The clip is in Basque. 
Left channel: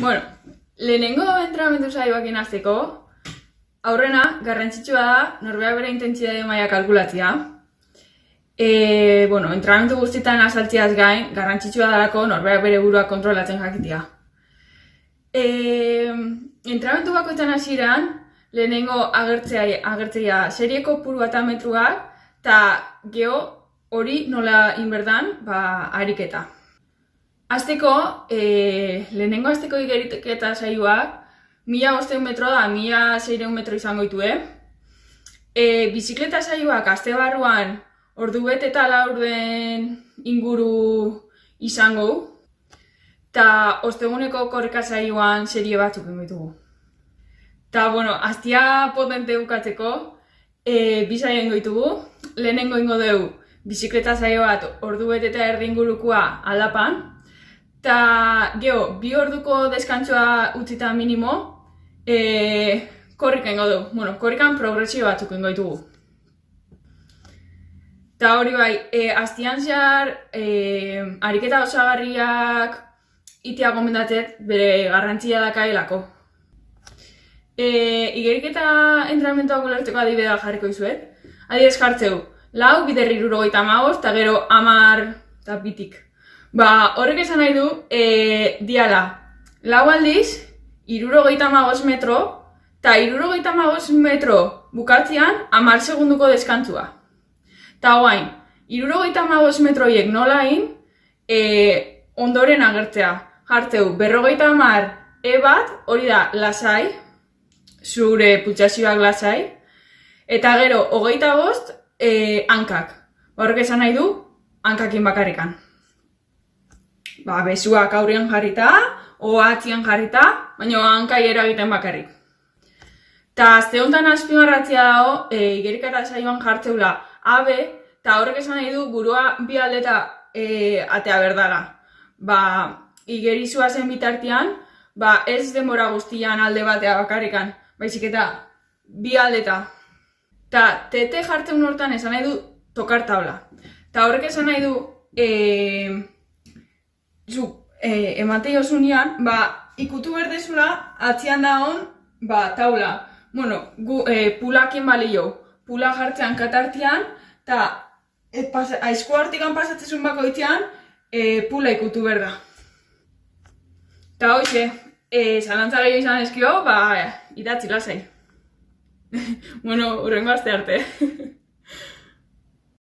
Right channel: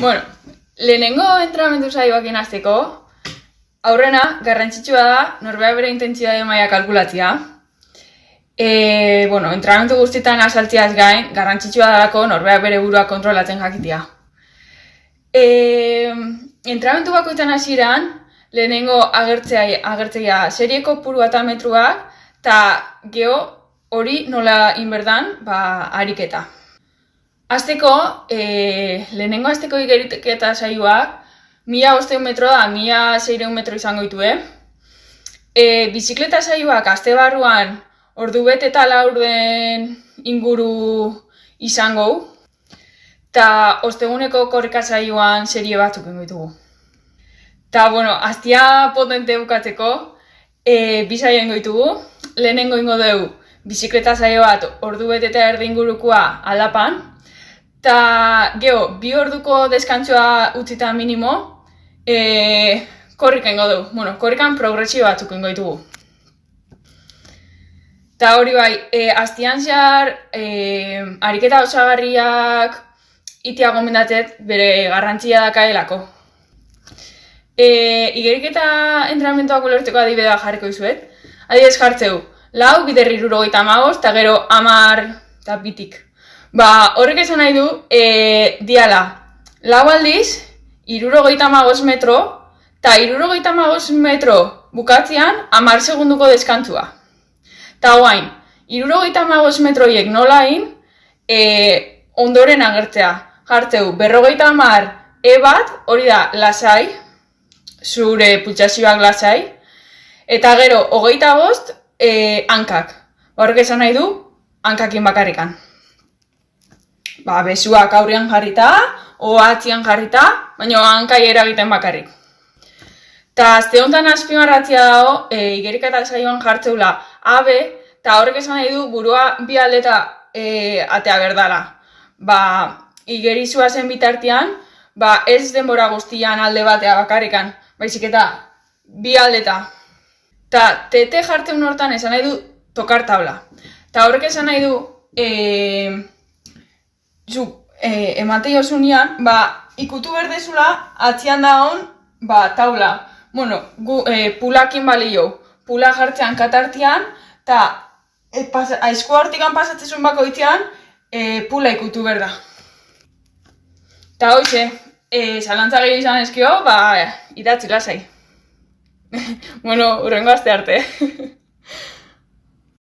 Bueno, lehenengo entrenamendu saioak inazteko, aurrena, garrantzitsua da, norbea bere intentsitate maila kalkulatzea. Entrenamendu guztietan azaltziaz gain, garrantzitsua dalako norbea bere burua kontrolatzen jakitea. Entrenamendu bakoitzan hasieran, lehenengo agertzea serieko kopurua eta metruak, eta geho hori nola inberdan, ariketa. Azteko, lehenengo azteko igeriketa saioak, 1500 metro da, 1600 metro izango ditue. Bizikleta saioak azte barruan ordu bete eta laurden inguru izango. Ta osteguneko korrika saioan serie batzuk ingo ditugu. Ta, aztia potente bukatzeko, bi saio ingo ditugu. Lehenengo ingo dugu bizikleta saio bat ordu bete eta erdi ingurukoa aldapan. Ta, geho, 2 orduko deskantzua utzita minimo, korrika ingo dugu. Korrikan progresio batzuk ingo ditugu. Ta hori bai, aztian zehar, ariketa osagarriak itea gomendatzet bere garrantzia dakaelako. Igeriketa entrenamenduak ulertzeko adibidea jarriko dizuet. Adibidez jartzeu, 4 bider 75 eta gero 10 eta bitik. Horrek esan nahi du, diala, 4 aldiz, 75 metro, eta 75 metro bukatzean 10 segunduko deskantzua. Ta guain, 75 metroiek nola egin, ondoren agertzea. Jartzeu, 50 bat, hori da, lasai, zure pultsazioak lasai, eta gero, 25, hankak. Horrek esan nahi du, hankakin bakarrikan. Besuak aurrean jarrita, atzian jarrita, baina hankai eragiten bakarrik. Ta azte honetan azpimarratzea dago, igeriketa saioan jartzeula AB, eta horrek esan nahi du burua bi aldeta atea berdala. Igeritzua zen bitartean, ez denbora guztian alde batea bakarrikan, baizik eta bi aldeta. Ta TT jartzen hortan esan nahi du tokar tabla. Ta horrek esan nahi du, ematei osunean, ikutu berdezula atzian dagoen taula. Pulakin balio, pula jartzean katartian, eta aizko hortikan pasatzezun bakoitzean, pula ikutu berda. Eta hoxe, zalantza gehiago izan ezkio, idatzi lasai. Urrengo aste arte.